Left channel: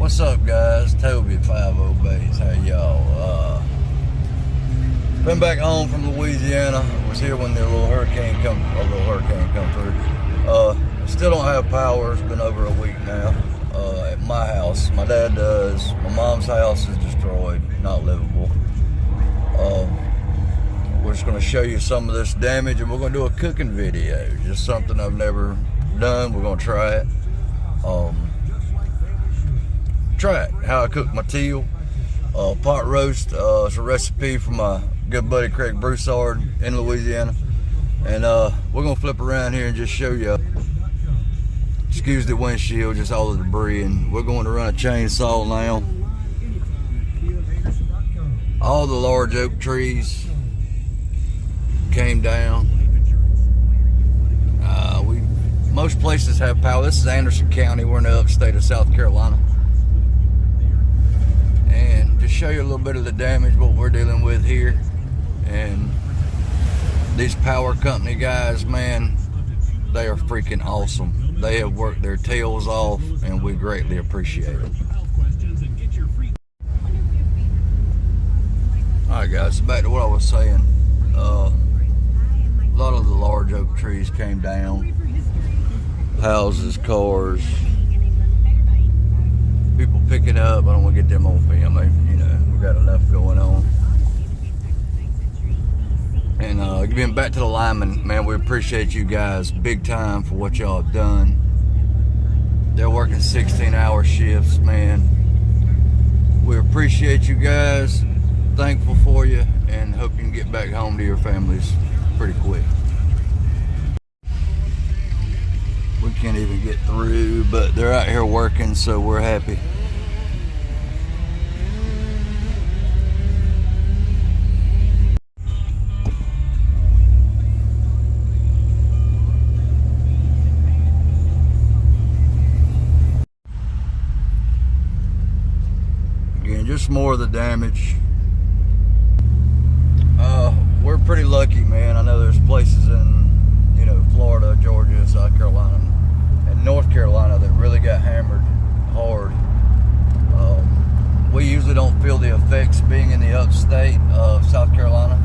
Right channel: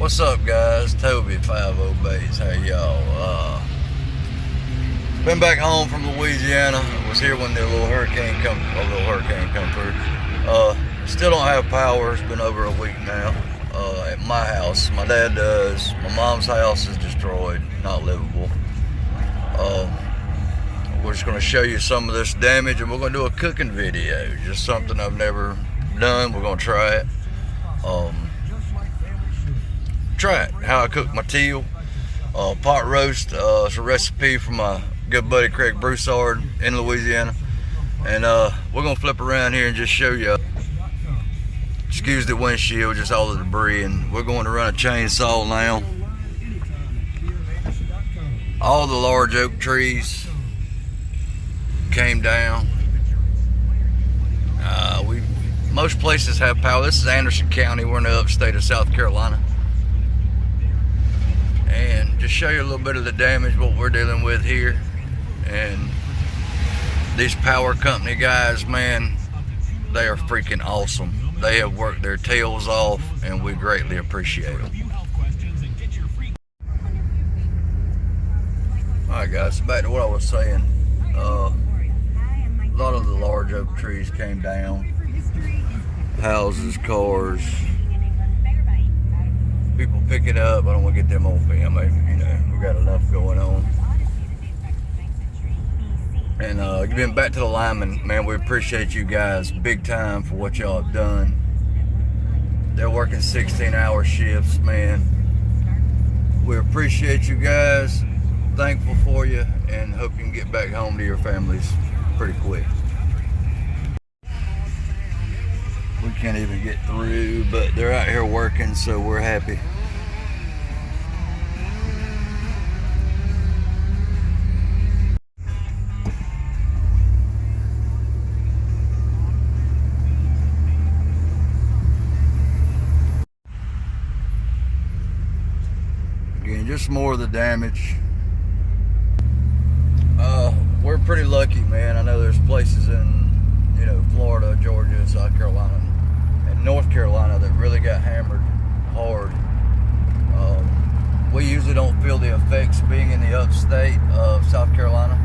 What's up, guys? Toby 50 Bays. How y'all? Been back home from Louisiana. I was here when the little hurricane come through. Still don't have power. It's been over a week now. At my house, my dad does. My mom's house is destroyed, not livable. We're just gonna show you some of this damage, and we're gonna do a cooking video. Just something I've never done. We're gonna try it. Try it, how I cook my teal pot roast. It's a recipe from my good buddy Craig Broussard in Louisiana, and we're gonna flip around here and just show you. Excuse the windshield, just all the debris, and we're going to run a chainsaw now. All the large oak trees came down. Most places have power. This is Anderson County. We're in the upstate of South Carolina. And just show you a little bit of the damage, what we're dealing with here. And these power company guys, man, they are freaking awesome. They have worked their tails off, and we greatly appreciate them. Alright guys, back to what I was saying. A lot of the large oak trees came down. Houses, cars, people picking up. I don't want to get them on film. We got enough going on. And getting back to the lineman, man, we appreciate you guys big time for what y'all have done. They're working 16-hour shifts, man. We appreciate you guys. Thankful for you, and hope you can get back home to your families pretty quick. We can't even get through, but they're out here working, so we're happy. Again, just more of the damage. We're pretty lucky, man. I know there's places in Florida, Georgia, South Carolina, and North Carolina that really got hammered hard. We usually don't feel the effects being in the upstate of South Carolina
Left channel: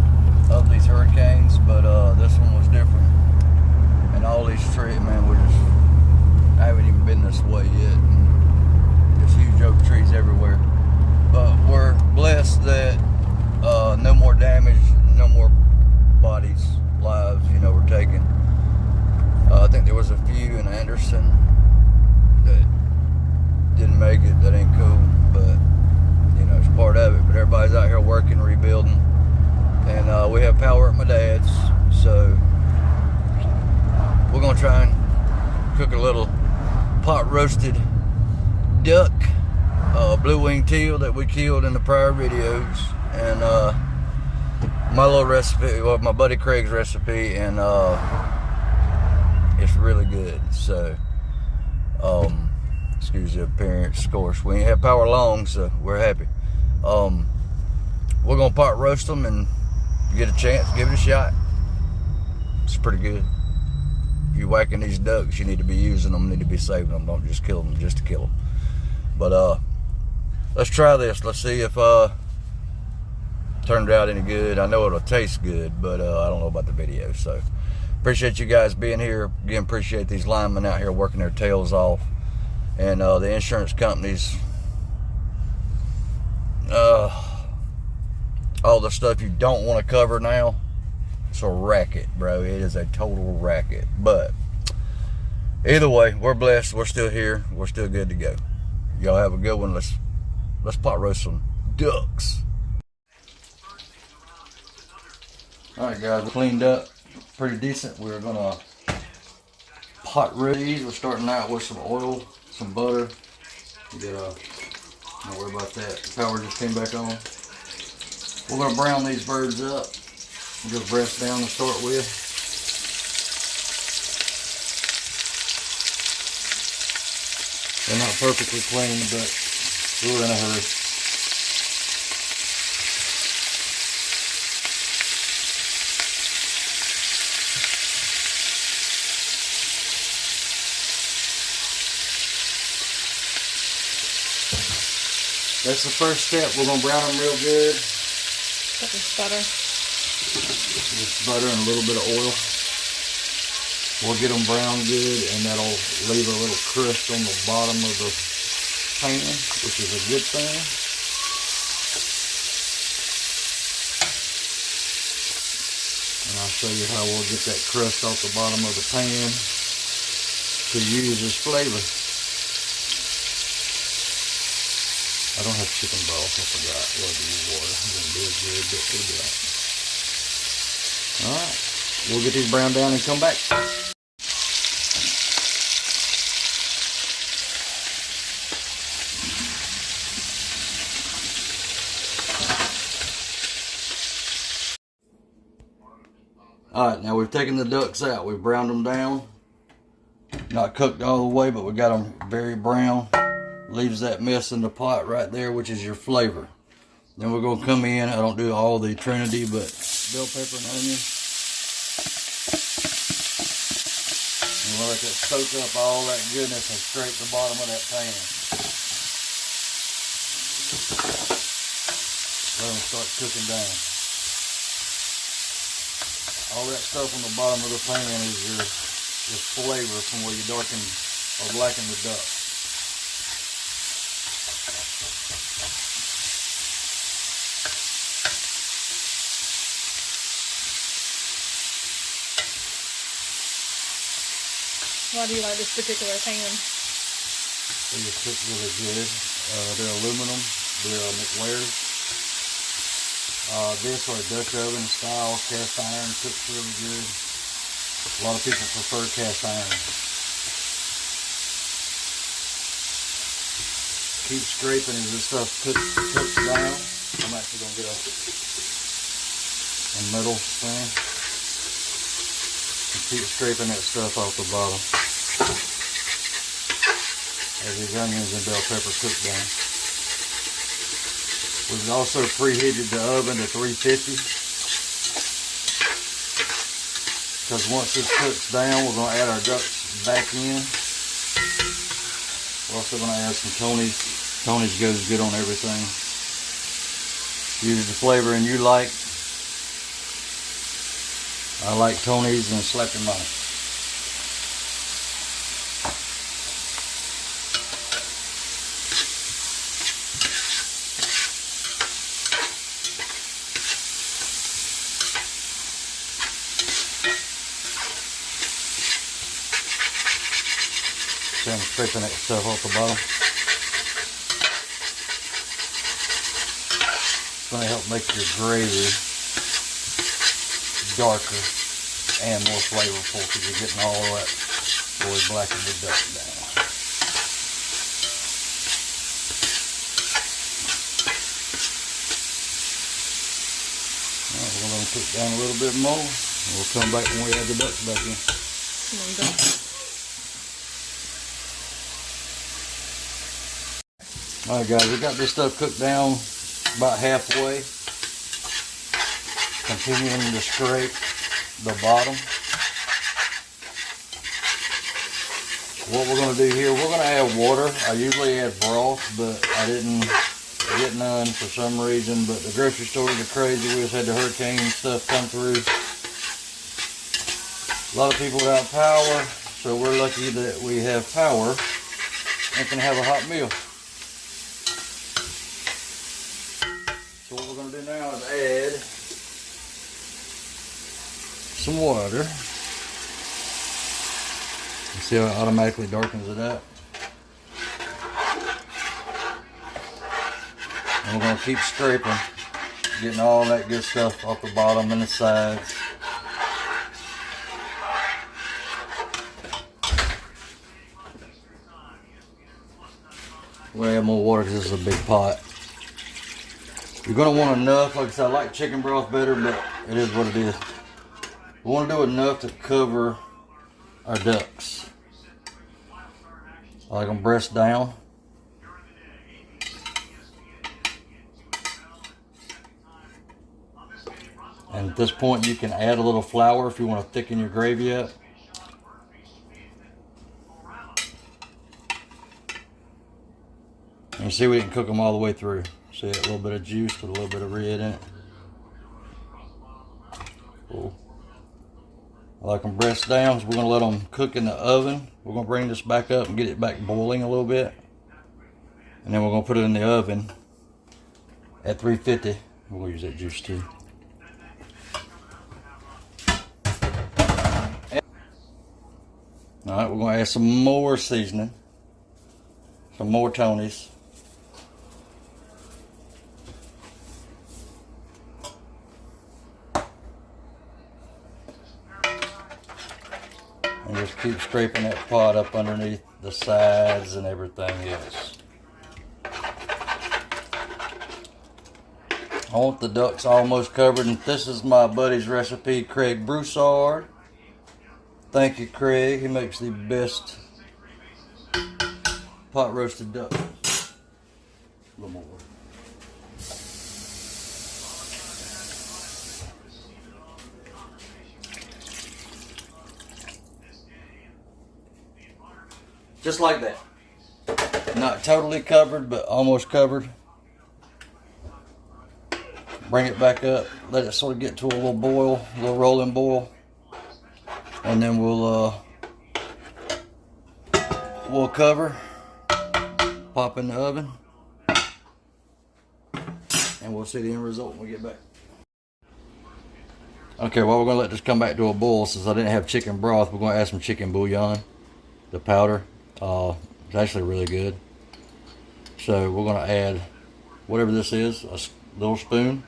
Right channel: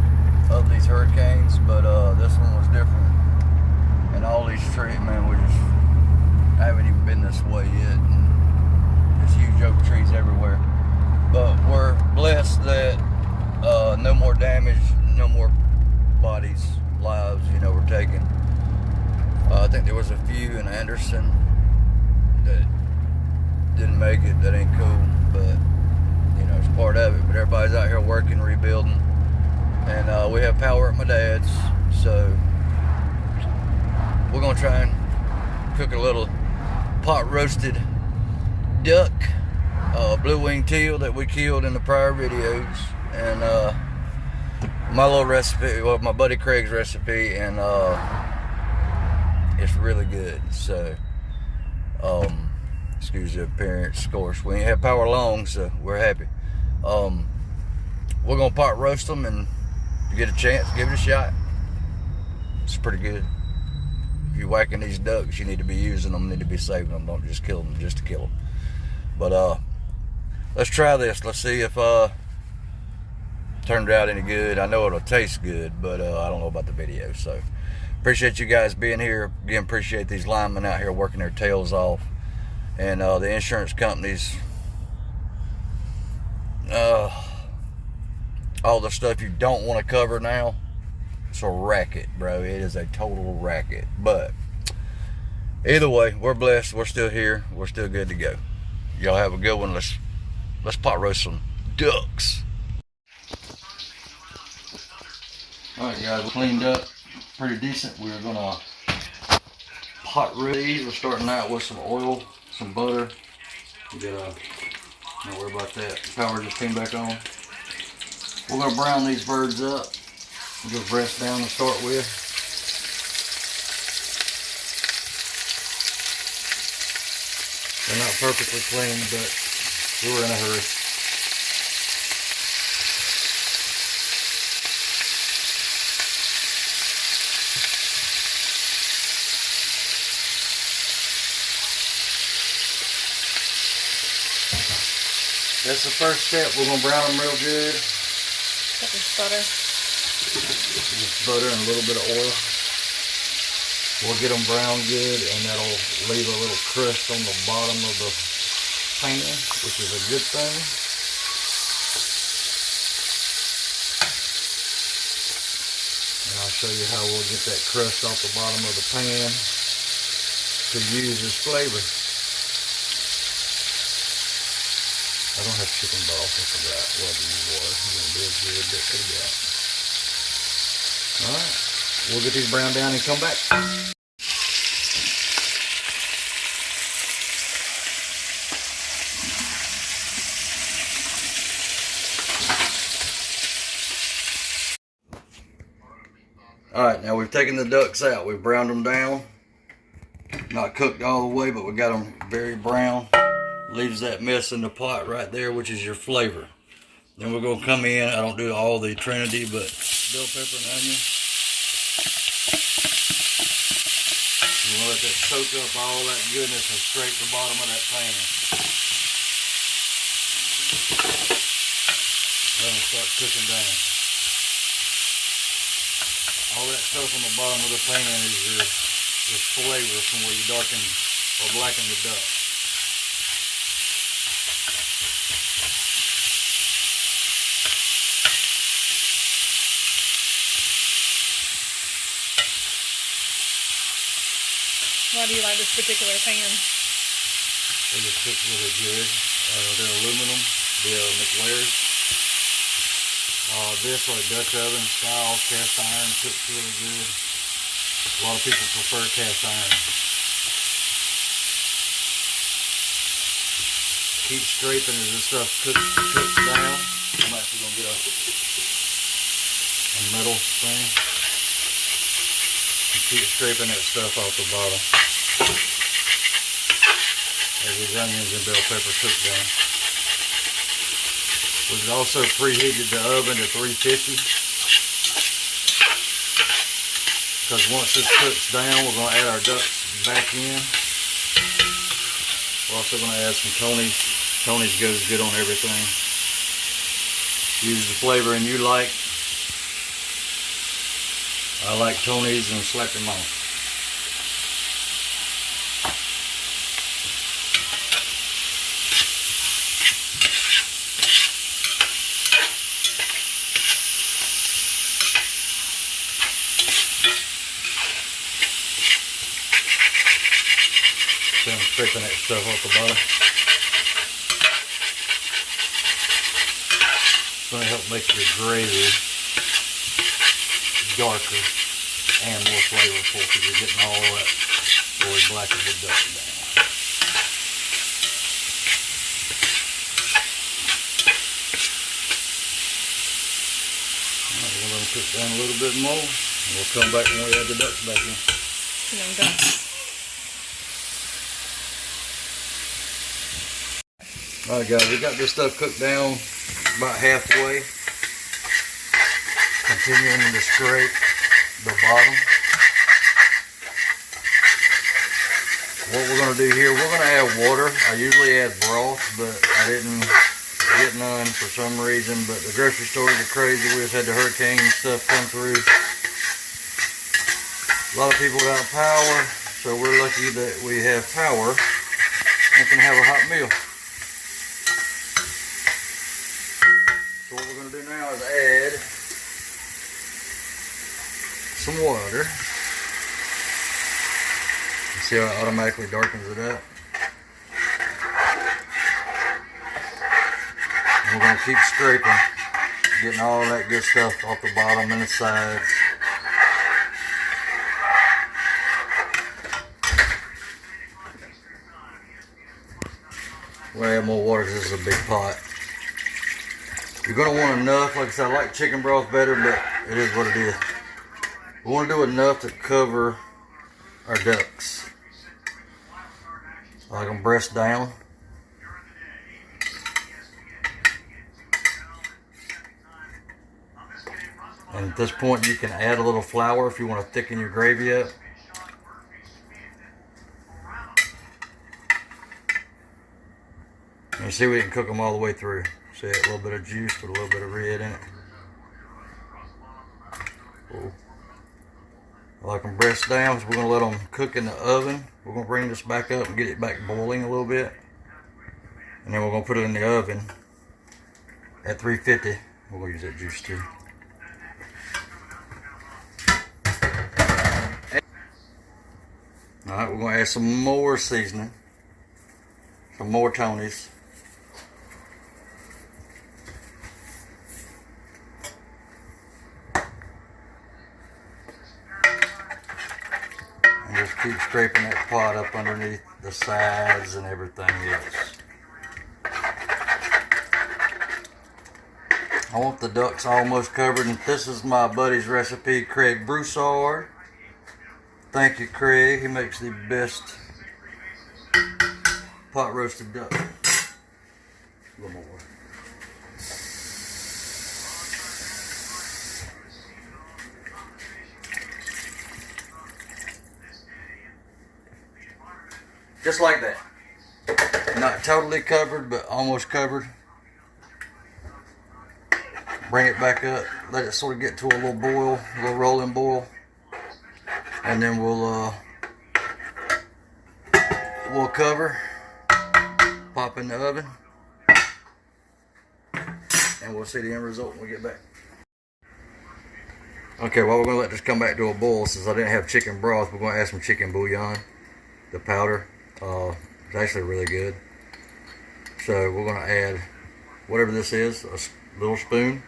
of these hurricanes, but this one was different. And all these trees, man, I haven't even been this way yet, and there's huge oak trees everywhere. But we're blessed that no more damage, no more bodies, lives, were taken. I think there was a few in Anderson that didn't make it. That ain't cool, but it's part of it. But everybody's out here working, rebuilding, and we have power at my dad's, so we're gonna try and cook a little pot roasted duck, blue wing teal that we killed in the prior videos, and my little recipe, well, my buddy Craig's recipe, and it's really good. So excuse the appearance, of course. We ain't had power long, so we're happy. We're gonna pot roast them, and if you get a chance, give it a shot. It's pretty good. If you're whacking these ducks, you need to be using them, need to be saving them. Don't just kill them just to kill them. But let's try this. Let's see if turned out any good. I know it'll taste good, but I don't know about the video. So appreciate you guys being here. Again, appreciate these linemen out here working their tails off, and the insurance companies, all the stuff you don't want to cover now. It's a racket, bro. It is a total racket. But either way, we're blessed. We're still here. We're still good to go. Y'all have a good one. Let's pot roast some ducks. All right, guys, we cleaned up pretty decent. We're gonna pot roast these. We're starting out with some oil, some butter. We got don't worry about that. The power just came back on. We're gonna brown these birds up. We'll go breast down to start with. They're not perfectly clean, but we're in a hurry. That's the first step. We're gonna brown them real good. Got this butter. Just butter and a little bit of oil. We'll get them brown good, and that'll leave a little crust on the bottom of the pan, which is a good thing. And I'll show you how we'll get that crust off the bottom of the pan to use as flavor. I don't have chicken broth, I forgot. We'll use water. I'm going to do a good bit for that. Alright, we'll get these browned down and come back. Alright, now we've taken the ducks out. We've browned them down. Not cooked all the way, but we got them very brown. Leaves that mess in the pot right there, which is your flavor. Then we're going to come in. I don't do all the Trinity, but bell pepper and onion. You want to let that soak up all that goodness and scrape the bottom of that pan. Let them start cooking down. All that stuff on the bottom of the pan is your flavor from where you darken or blacken the duck. Why do you like this particular pan? They just cook really good. They're aluminum. They're McLair's. This or Dutch oven style cast iron cooks really good. A lot of people prefer cast iron. Keep scraping as this stuff cooks down. I'm actually going to get a metal thing. And keep scraping that stuff off the bottom as these onions and bell pepper cook down. We've also preheated the oven to 350 because once this cooks down, we're going to add our ducks back in. We're also going to add some Tony's. Tony's goes good on everything. Use the flavoring you like. I like Tony's and Slacker Mike. So I'm scraping that stuff off the bottom. It's going to help make your gravy darker and more flavorful because you're getting all that really blackened the duck down. Alright, we're going to cook down a little bit more and we'll come back when we add the ducks back in. And I'm done. Alright guys, we got this stuff cooked down about halfway. Continuing to scrape the bottom. What we're going to do here, we're going to add water. I usually add broth, but I didn't get none for some reason. But the grocery stores are crazy. We've had the hurricane stuff come through. A lot of people got power, so we're lucky that we have power and can have a hot meal. So what we're going to do now is add some water. You see how it automatically darkens it up. And we're going to keep scraping, getting all that good stuff off the bottom and the sides. We're going to add more water because this is a big pot. You're going to want enough. Like I said, I like chicken broth better, but it is what it is. We want to do enough to cover our ducks. I like them breast down. And at this point, you can add a little flour if you want to thicken your gravy up. And see, we didn't cook them all the way through. See that little bit of juice with a little bit of red in it. Cool. I like them breast down, so we're going to let them cook in the oven. We're going to bring this back up and get it back boiling a little bit. And then we're going to put it in the oven at 350. We're going to use that juice too. Alright, we're going to add some more seasoning. Some more Tonys. And just keep scraping that pot up underneath the sides and everything else. I want the ducks almost covered, and this is my buddy's recipe, Craig Broussard. Thank you, Craig. He makes the best pot roasted duck. A little more. Just like that. Not totally covered, but almost covered. Bring it back up. Let it sort of get to a little boil, a little rolling boil. And then we'll cover, pop in the oven, and we'll see the end result when we get back. Okay, well, we're going to let this come back to a boil. Since I didn't have chicken broth, we're going to add some chicken bouillon, the powder. It's actually really good. So we're going to add whatever this is, a little spoon.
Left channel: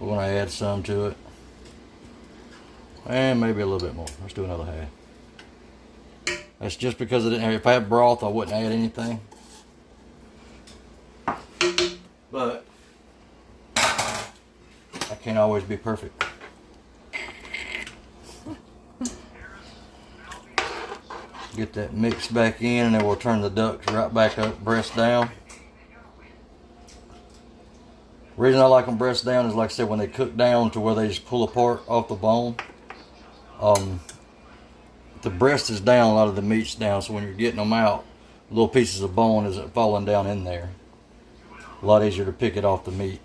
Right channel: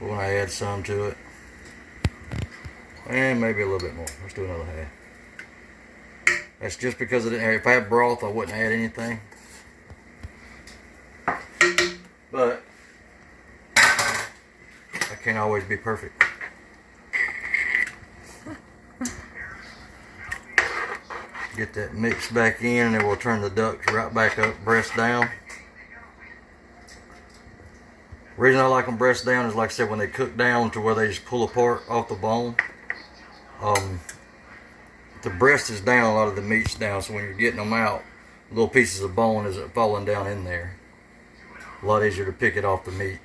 We're going to add some to it. And maybe a little bit more. Let's do another half. That's just because I didn't have, if I had broth, I wouldn't add anything. But I can't always be perfect. Get that mix back in, and then we'll turn the ducks right back up, breast down. The reason I like them breast down is, like I said, when they cook down to where they just pull apart off the bone. The breast is down, a lot of the meat's down, so when you're getting them out, little pieces of bone isn't falling down in there. A lot easier to pick it off the meat.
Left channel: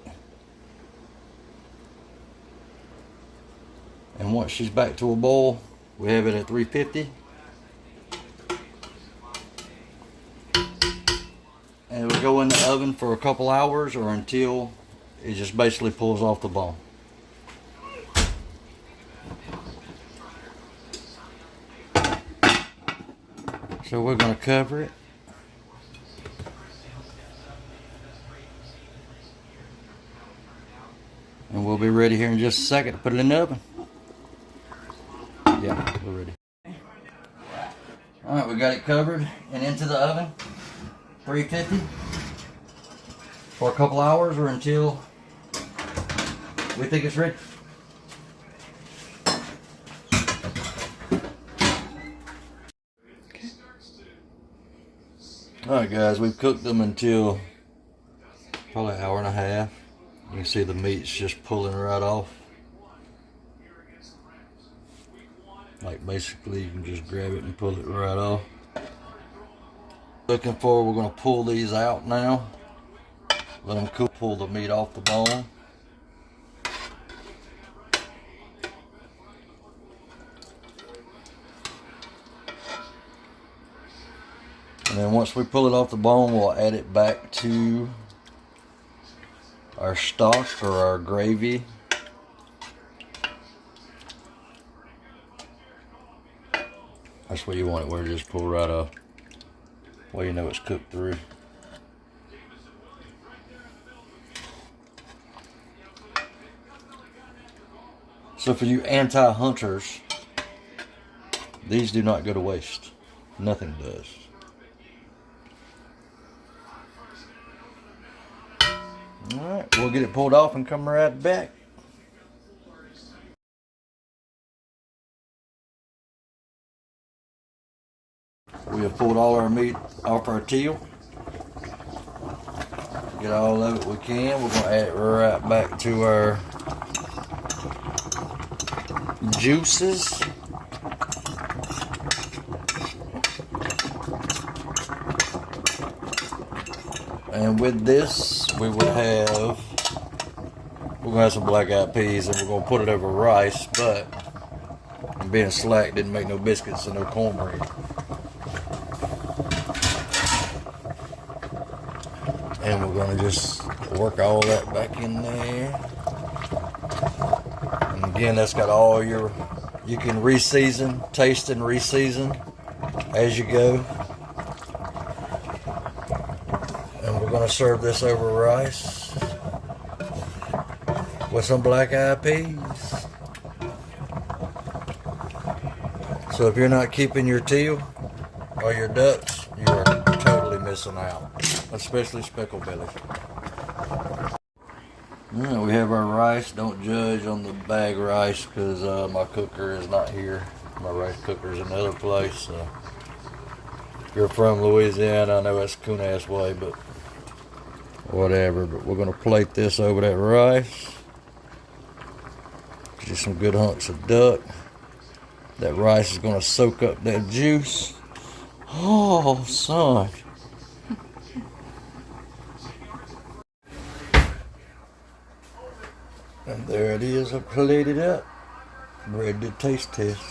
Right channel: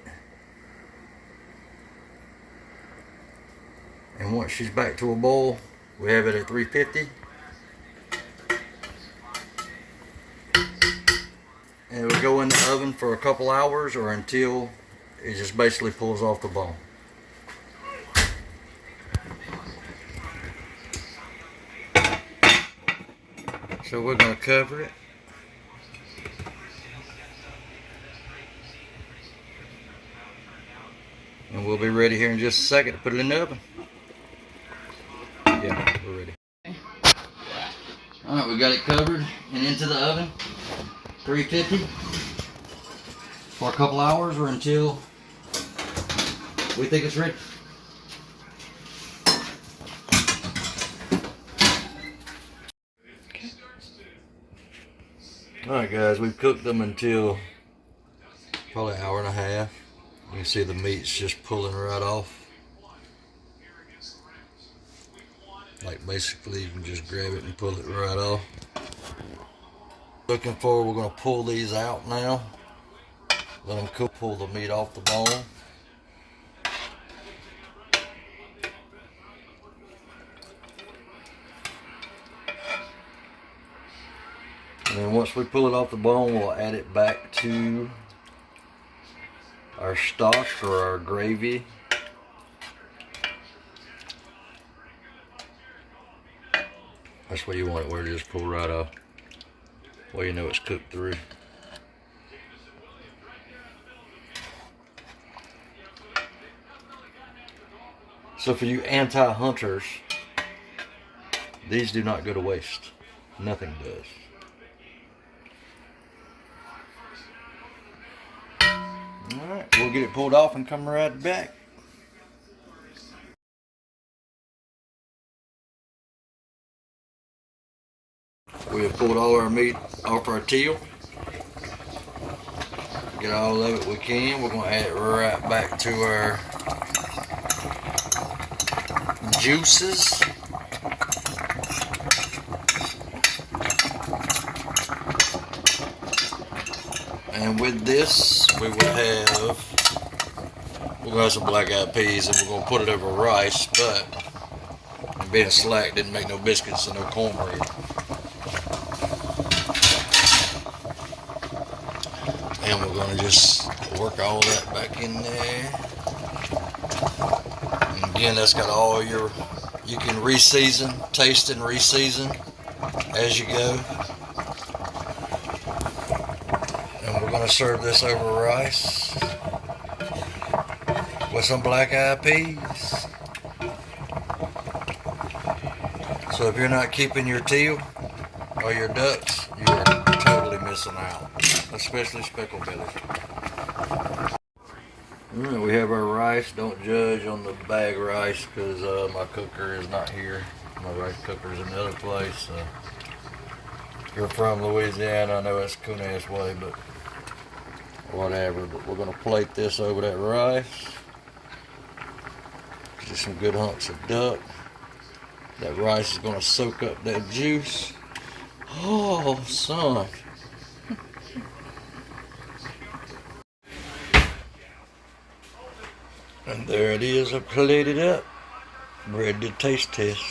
And once she's back to a boil, we have it at 350. And it will go in the oven for a couple hours or until it just basically pulls off the bone. So we're going to cover it. And we'll be ready here in just a second to put it in the oven. Yeah, we're ready. Alright, we got it covered and into the oven. 350 for a couple hours or until we think it's ready. Alright guys, we've cooked them until probably an hour and a half. You can see the meat's just pulling right off. Like basically you can just grab it and pull it right off. Looking for, we're going to pull these out now. Let them cook, pull the meat off the bone. And then once we pull it off the bone, we'll add it back to our stock or our gravy. That's what you want it, where it just pull right off. Well, you know it's cooked through. So for you anti-hunters, these do not go to waste. Nothing does. Alright, we'll get it pulled off and come right back. We have pulled all our meat off our teal. Get all of it we can. We're going to add it right back to our juices. And with this, we're gonna have some black-eyed peas, and we're gonna put it over rice. But being slack, didn't make no biscuits and no cornbread. And we're gonna just work all that back in there. And again, that's got all your, you can re-season, taste and re-season as you go. And we're gonna serve this over rice with some black-eyed peas. So if you're not keeping your teal or your ducks, you are totally missing out, especially speckled bellies. We have our rice. Don't judge on the bag rice because my cooker is not here. My rice cooker is in another place. If you're from Louisiana, I know that's a coon-ass way, but whatever. But we're going to plate this over that rice. Just some good hunks of duck. That rice is going to soak up that juice. Oh, son. And there it is, I plated up. Ready to taste test.